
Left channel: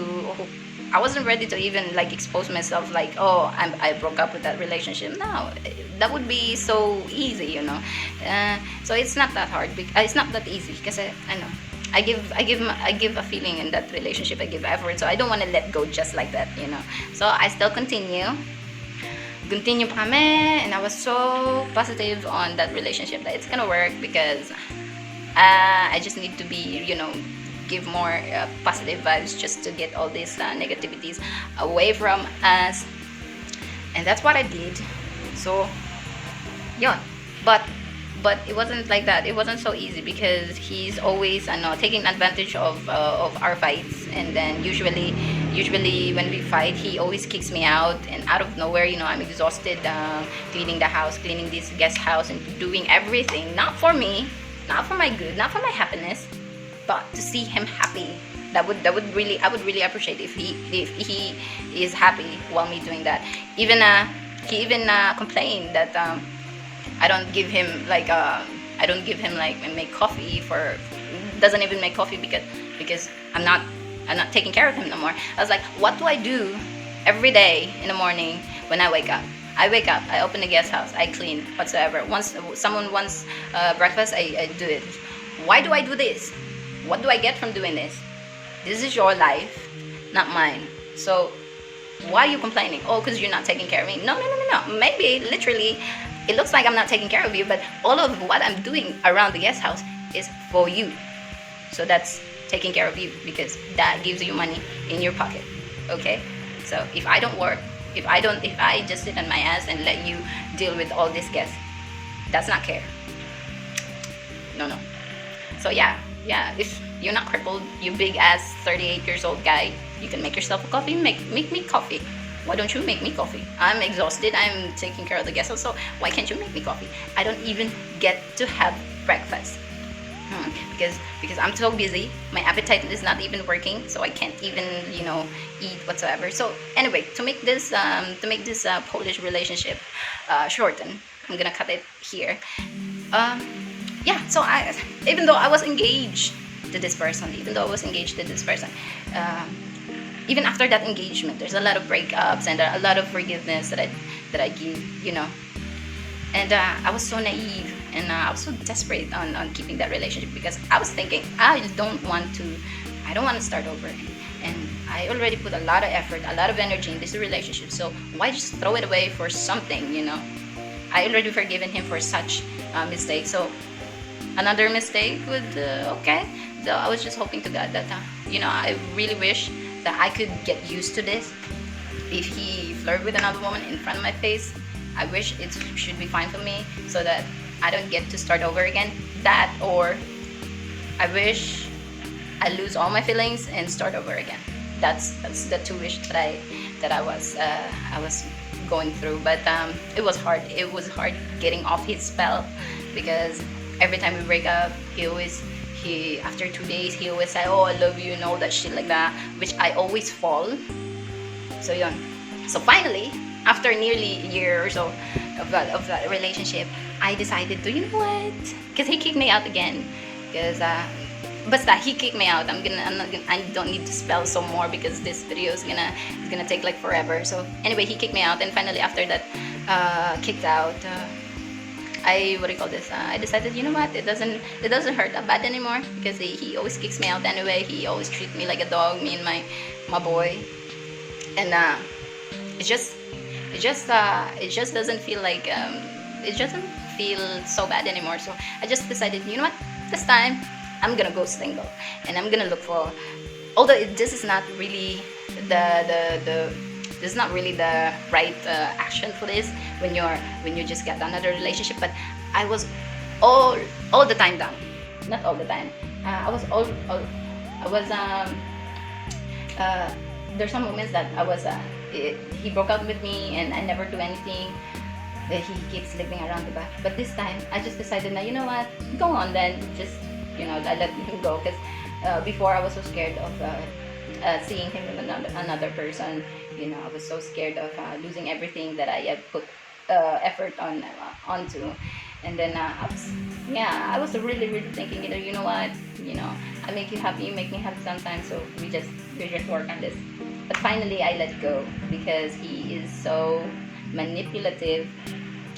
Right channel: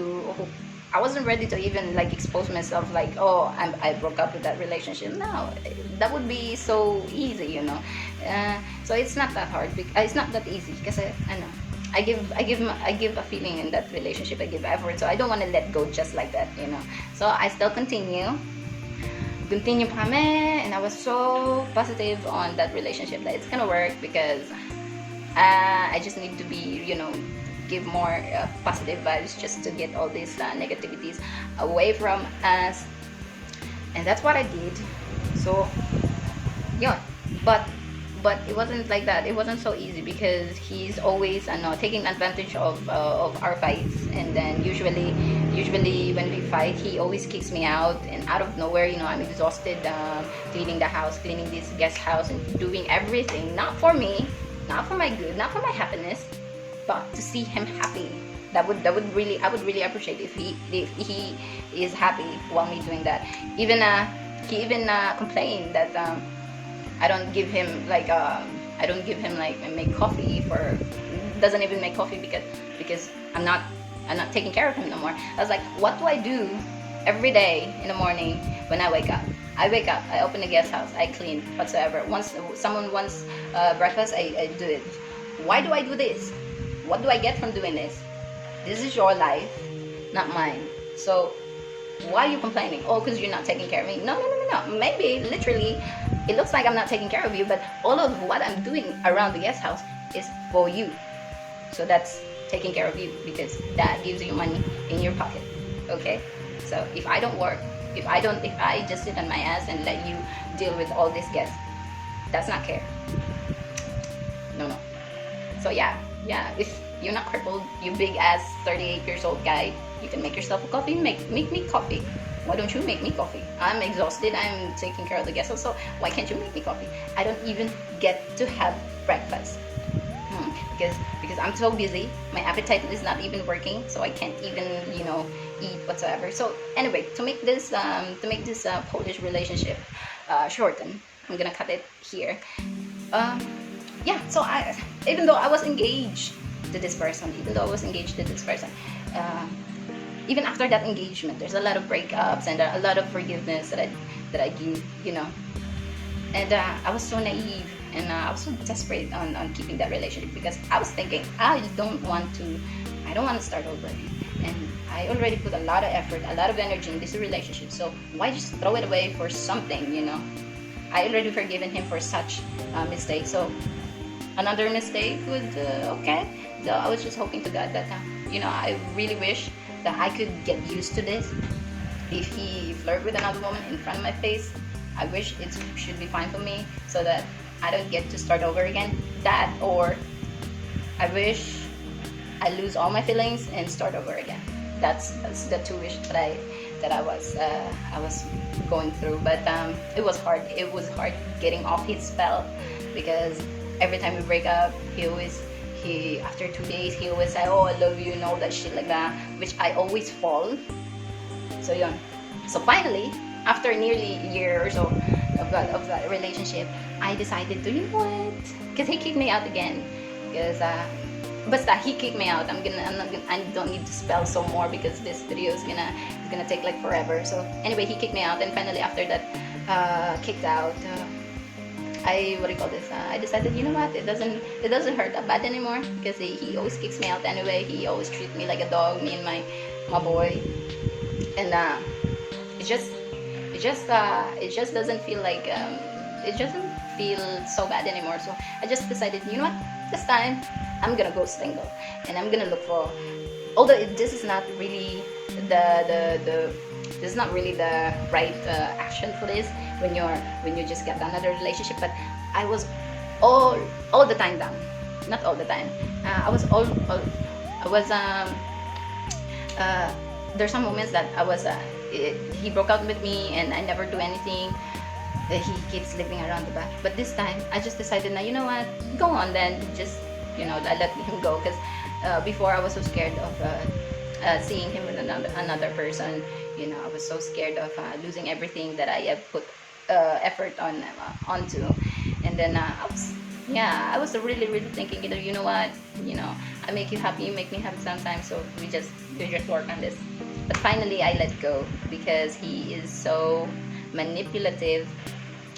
even like expose myself, like, oh, I broke up with that relationship. No, that would be so easy, you know. So it's not that hard. It's not that easy because I know I give a feeling in that relationship. I give effort, so I don't want to let go just like that, you know. So I still continue pa kami, and I was so positive on that relationship that it's gonna work because I just need to be, you know, give more positive vibes just to get all these negativities away from us, and that's what I did. So yeah, but it wasn't like that. It wasn't so easy because he's always taking advantage of our fights, and then usually when we fight, he always kicks me out, and out of nowhere, you know, I'm exhausted cleaning the house, cleaning this guest house, and doing everything not for me, not for my good, not for my happiness, but to see him happy. I would really appreciate if he is happy while me doing that. He even complained that I don't give him like make coffee for, doesn't even make coffee because I'm not taking care of him no more. I was like, what do I do every day in the morning when I wake up? I wake up, I open the guest house, I clean whatsoever. Once someone wants breakfast, I do it. Why do I do this? What do I get from doing this? This is your life, not mine. So why are you complaining? Oh, because you're not taking care of me. No. Maybe literally it looks like I'm not taking care of you, but all of what I'm doing around the guest house is for you. So that's taking care of you because that gives you money in your pocket. Okay? So if I don't work, if I just sit on my ass and let you deal with all these guests, that's not care. No. So yeah, if you're not crippled, you big ass 38 years old guy, you can make yourself a coffee. Make me coffee. Why don't you make me coffee? I'm exhausted. I'm taking care of the guests, so why can't you make me coffee? I don't even get to have breakfast because I'm so busy. My appetite is not even working, so I can't even eat whatsoever. So anyway, to make this Polish relationship shorten, I'm gonna cut it here. Yeah. So even though I was engaged to this person, even after that engagement, there's a lot of breakups and a lot of forgiveness that I give, you know. And I was so naive and I was so desperate on keeping that relationship because I was thinking I don't want to start over, and I already put a lot of effort, a lot of energy in this relationship. So why just throw it away for something, you know? I already forgiven him for such mistake. So another mistake would okay. So I was just hoping to God that I really wish that I could get used to this. If he flirted with another woman in front of my face, I wish it should be fine for me so that I don't get to start over again. That, or I wish I lose all my feelings and start over again. That's the two wishes that I was going through. But it was hard. It was hard getting off his spell because every time we break up, after 2 days he always say, oh, I love you and all that shit like that, which I always fall. So yun. So finally, after nearly a year or so of that relationship, I decided to, you know what? Because he kicked me out again. Because he kicked me out. I don't need to spell some more because this video is gonna take like forever. So anyway, he kicked me out, and finally after that kicked out, I what do you call this? I decided, you know what? It doesn't hurt that bad anymore because he always kicks me out anyway. He always treats me like a dog, me and my boy, and it just doesn't feel like it doesn't feel so bad anymore. So I just decided, you know what? This time I'm gonna go single, and I'm gonna look for. Although this is not really the this is not really the right action for this when you just get another relationship. But I was all the time down, not all the time. I was all I was there's some moments that he broke out with me and I never do anything. He keeps sleeping around the back. But this time I just decided, now you know what, go on then. Just I let him go because before I was so scared of seeing him with another person. I was so scared of losing everything that I had put effort onto. And then I was really really thinking, you know what, I make you happy, you make me happy sometimes, so we just work on this. But finally I let go because he is so manipulative.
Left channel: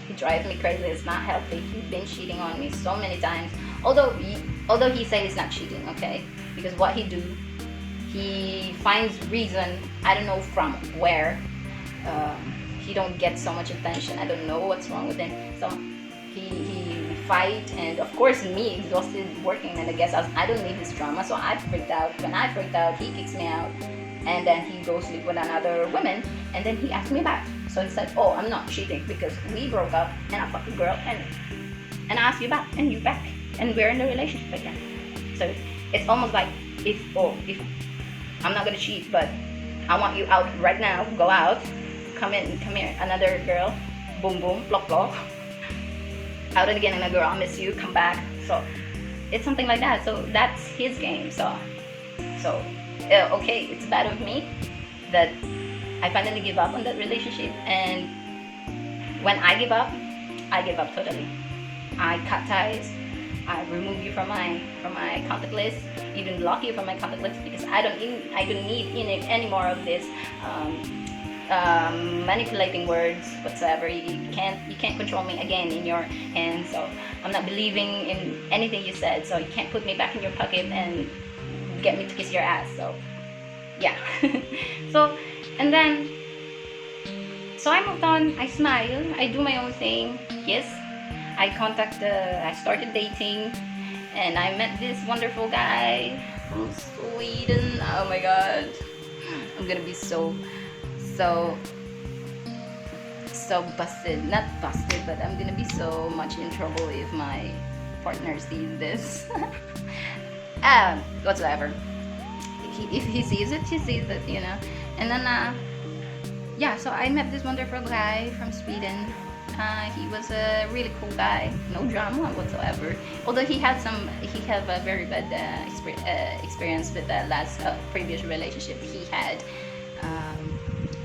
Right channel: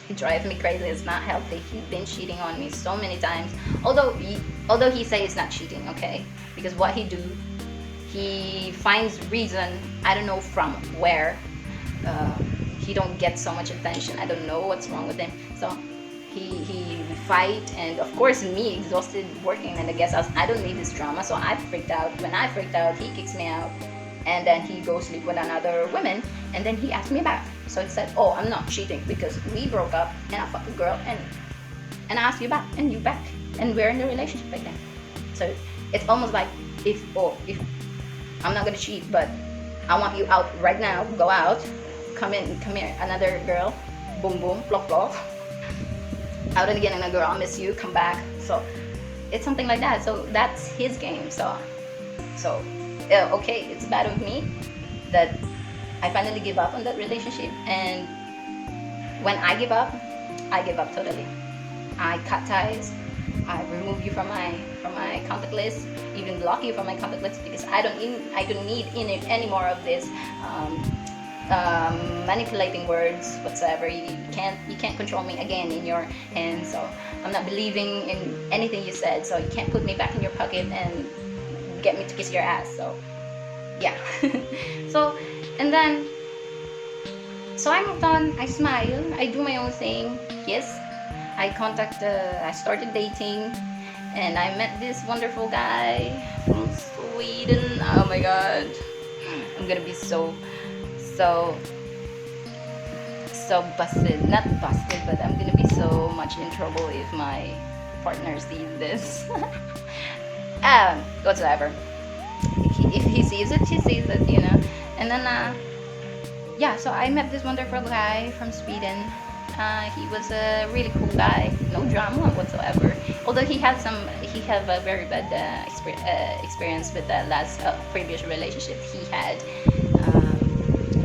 He drives me crazy. It's not healthy. He's been cheating on me so many times. Although he says he's not cheating, okay? Because what he finds reason. I don't know from where. He don't get so much attention. I don't know what's wrong with him. So he fight, and of course me exhausted working, and I guess I don't need his trauma. So I freaked out. When I freaked out, he kicks me out, and then he goes sleep with another woman, and then he asked me back. So he said, "Oh, I'm not cheating because we broke up, and I fucked a girl, and I asked you back, and you back, and we're in a relationship again." So it's almost like if I'm not gonna cheat, but I want you out right now. Go out, come here, another girl, boom boom, plop plop, out again, and a girl, I miss you, come back. So it's something like that. So that's his game. So okay, it's bad of me that I finally give up on that relationship. And when I give up totally. I cut ties. I remove you from my contact list, even block you from my contact list, because I don't need any more of this manipulating words whatsoever. You can't control me again in your hands. So I'm not believing in anything you said. So you can't put me back in your pocket and get me to kiss your ass. So yeah. So I moved on. I smile. I do my own thing. Yes. I started dating, and I met this wonderful guy from Sweden. Oh my god. I'm gonna be so busted. Not busted, but I'm gonna be so much in trouble if my partner sees this. Whatsoever. If he sees it, she sees it, And then, so I met this wonderful guy from Sweden. He was a really cool guy, no drama whatsoever. Although he had a very bad experience with the last previous relationship he had,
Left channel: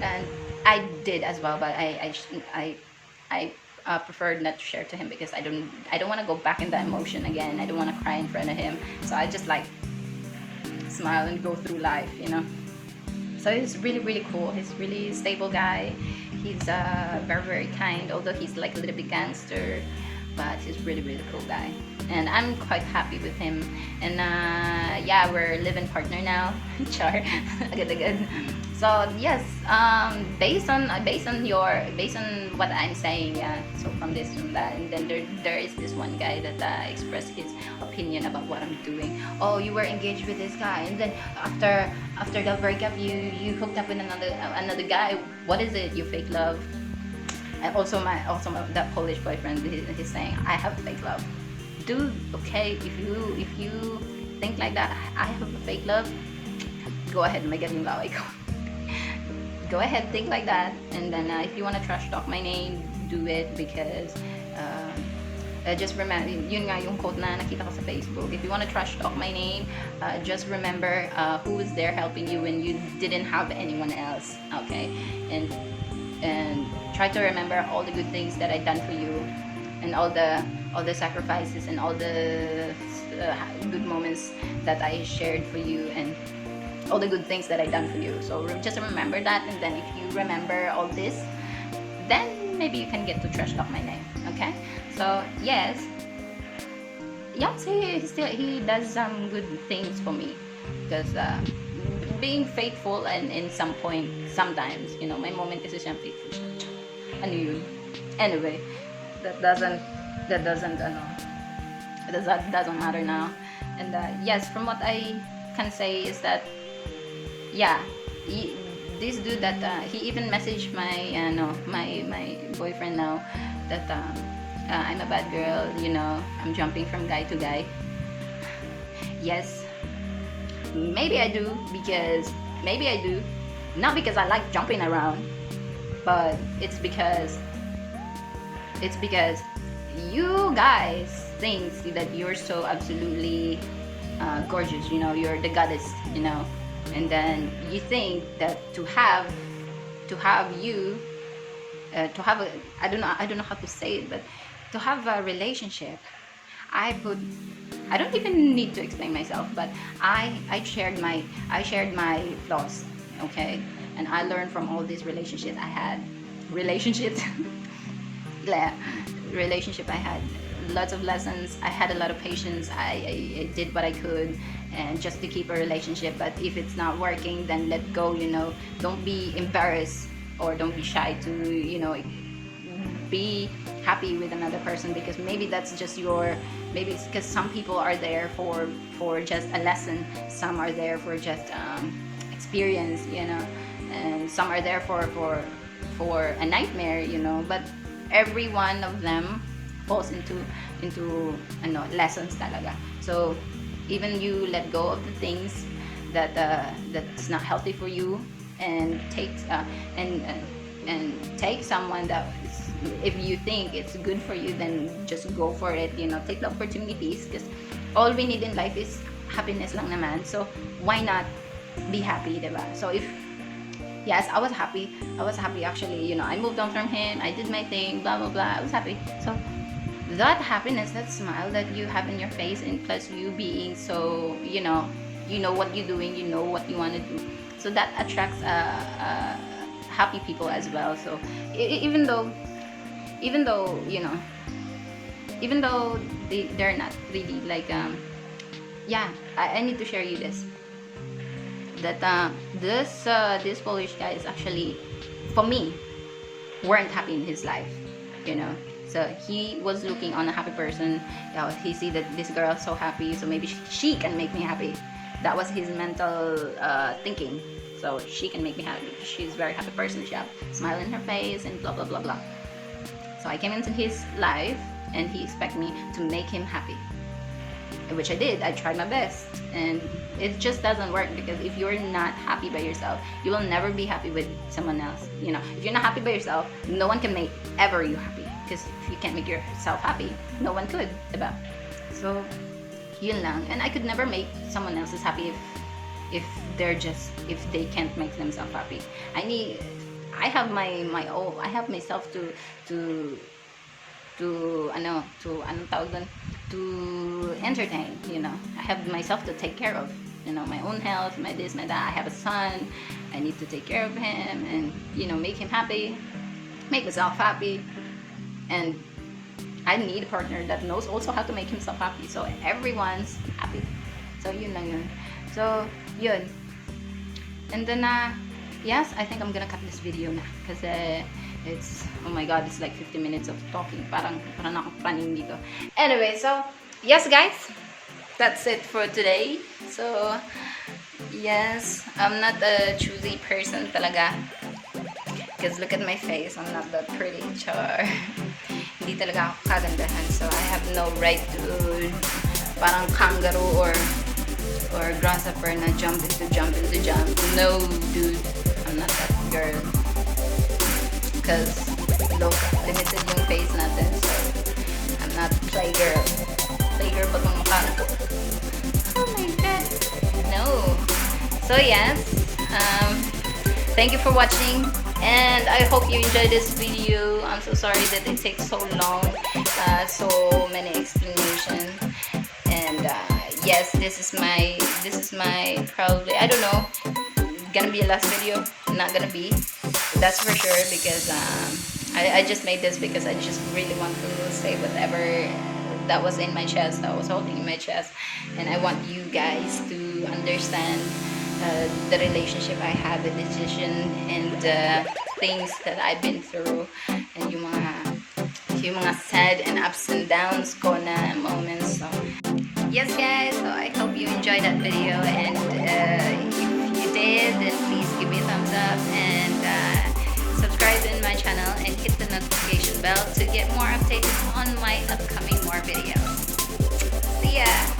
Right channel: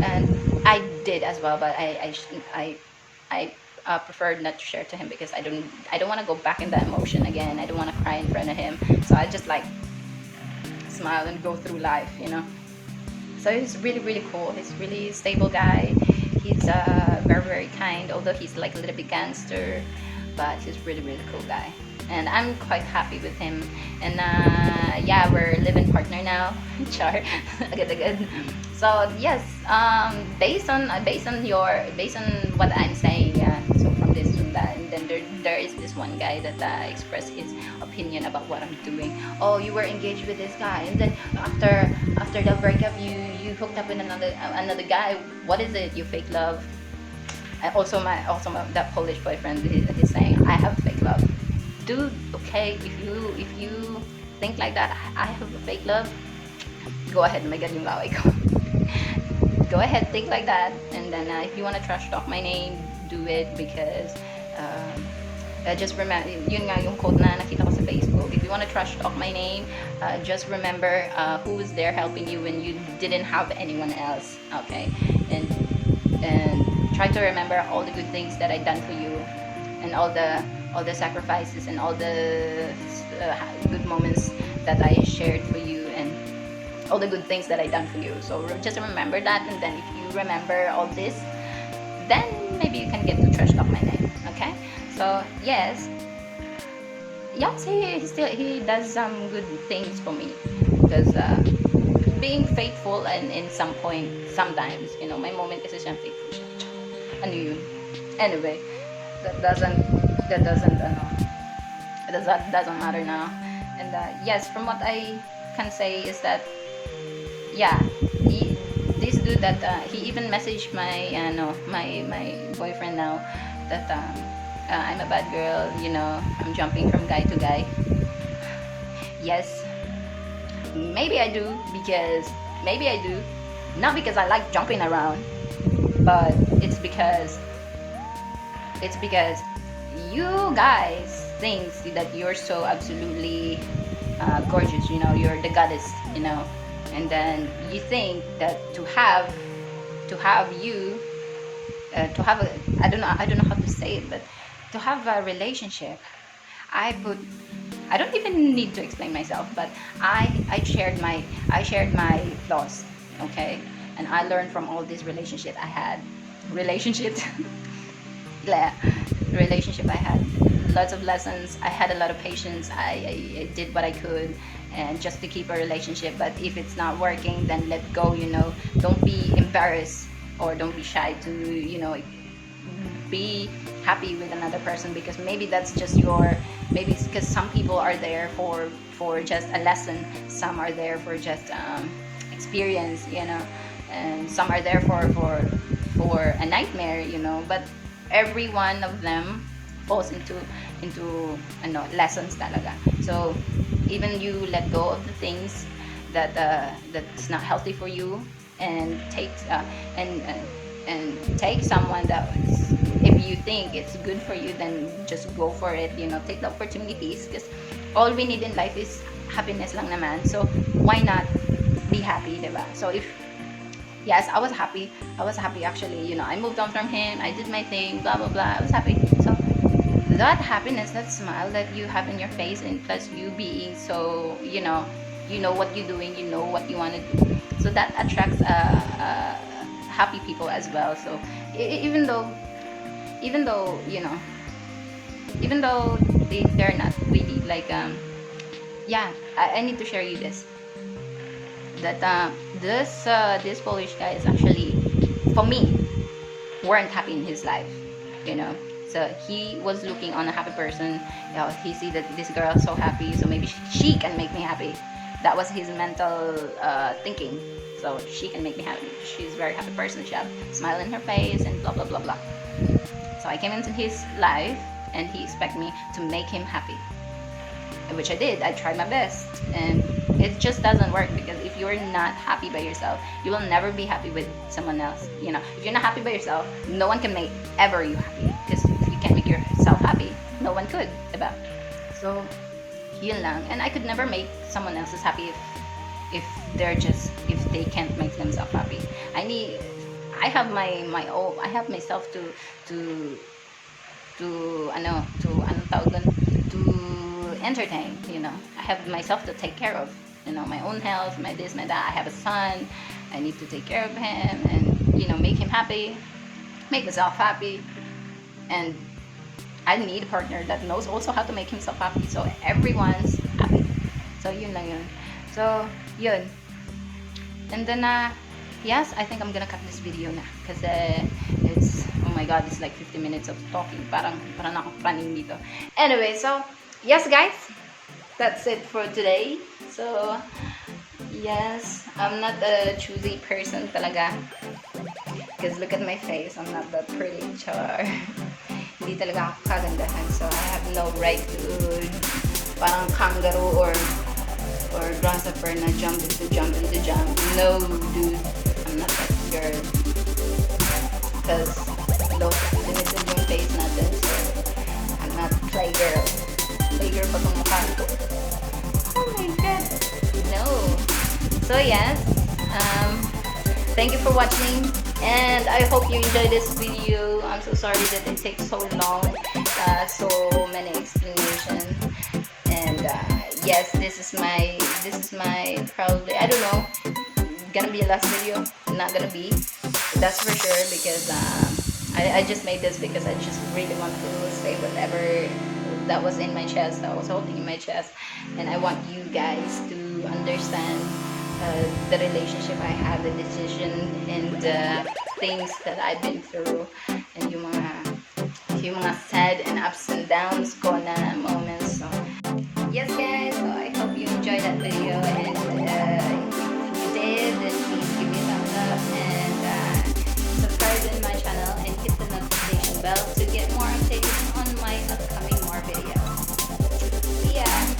and I did as well. But I preferred not to share to him because I don't want to go back in that emotion again. I don't want to cry in front of him. So I just smile and go through life, So he's really really cool. He's a really stable guy. He's very very kind, although he's like a little bit gangster, but he's really really cool guy, and I'm quite happy with him. And we're living partner now. Char, good. So yes, based on what I'm saying, so from this to that, and then there is this one guy that expressed his opinion about what I'm doing. Oh, you were engaged with this guy, and then after the breakup, you hooked up with another guy. What is it? You fake love? And also that Polish boyfriend is saying I have fake love. Dude, okay, if you think like that, I have a fake love. Go ahead, magaling laway ko. Go ahead, think like that, and then if you wanna trash talk my name, do it, because just remember, yun nga yung quote na nakita ko sa Facebook. If you wanna trash talk my name, just remember who is there helping you when you didn't have anyone else. Okay, and try to remember all the good things that I done for you, and all the sacrifices and all the good moments that I shared for you, and all the good things that I done for you. So just remember that, and then if you remember all this, then maybe you can get to trash talk my name. Okay, So yes, he does some good things for me because being faithful and in some point sometimes my moment kasi siya faithful. Ano yun? Anyway, that doesn't doesn't matter now. And yes, from what I can say is that yeah, this dude that he even messaged my boyfriend now that I'm a bad girl, I'm jumping from guy to guy. Yes, maybe I do not because I like jumping around, but it's because you guys think that you're so absolutely gorgeous, you're the goddess, and then you think that to have you to have a, I don't know how to say it, but to have a relationship, I don't even need to explain myself, but I shared my thoughts, okay, and I learned from all these relationships I had, relationships, blah, relationship I had, lots of lessons. I had a lot of patience. I did what I could, and just to keep a relationship. But if it's not working, then let go. Don't be embarrassed or don't be shy to be happy with another person, because maybe that's just maybe it's because some people are there for just a lesson, some are there for just experience, and some are there for a nightmare, but every one of them falls into lessons talaga. So even you let go of the things that's not healthy for you, and take someone that, if you think it's good for you, then just go for it. Take the opportunities, because all we need in life is happiness lang naman. So why not be happy, diba? So yes, I was happy actually. I moved on from him, I did my thing, blah blah blah, I was happy. So that happiness, that smile that you have in your face, and plus you being so you know what you're doing, you know what you want to do, so that attracts happy people as well. So even though they're not really like I need to share you this, that this Polish guy is actually, for me, weren't happy in his life, so he was looking on a happy person. He see that this girl is so happy, so maybe she can make me happy. That was his mental thinking. So she can make me happy. She's a very happy person. She has a smile in her face and blah blah blah blah. So I came into his life, and he expected me to make him happy, which I did. I tried my best, and it just doesn't work, because if you're not happy by yourself, you will never be happy with someone else. If you're not happy by yourself, no one can make ever you happy. Because if you can't make yourself happy, no one could, diba? So yun lang. And I could never make someone else happy if they can't make themselves happy. I have my own. I have myself to entertain. I have myself to take care of. My own house, my this, my that. I have a son. I need to take care of him, and make him happy, make myself happy, and I need a partner that knows also how to make himself happy, so everyone's happy. So yun lang yun. So yun. And then yes, I think I'm gonna cut this video na, kasi it's, oh my god, it's like 50 minutes of talking. Parang ako paning dito. Anyway, so yes guys, that's it for today. So yes, I'm not a choosy person talaga, because look at my face, I'm not that pretty, char. Hindi talaga ako kagandahan, so I have no right to parang kangaroo or grasshopper na jump. No, dude, I'm not that girl, because those limits in yung face natin, so I'm not playgirl pa kung mukha. No. So yes, thank you for watching, and I hope you enjoyed this video. I'm so sorry that it takes so long, so many explanations, and yes, this is my probably, I don't know, gonna be a last video, not gonna be, that's for sure, because I just made this because I just really want to say whatever that was in my chest, that was holding in my chest. And I want you guys to understand the relationship I have with decision and the things that I've been through, and yung mga sad and ups and downs ko na moments. So, yes guys, so I hope you enjoyed that video, and if you did, then please give me a thumbs up and subscribe in my channel and hit the notification bell to get more updates on my upcoming more videos. See ya!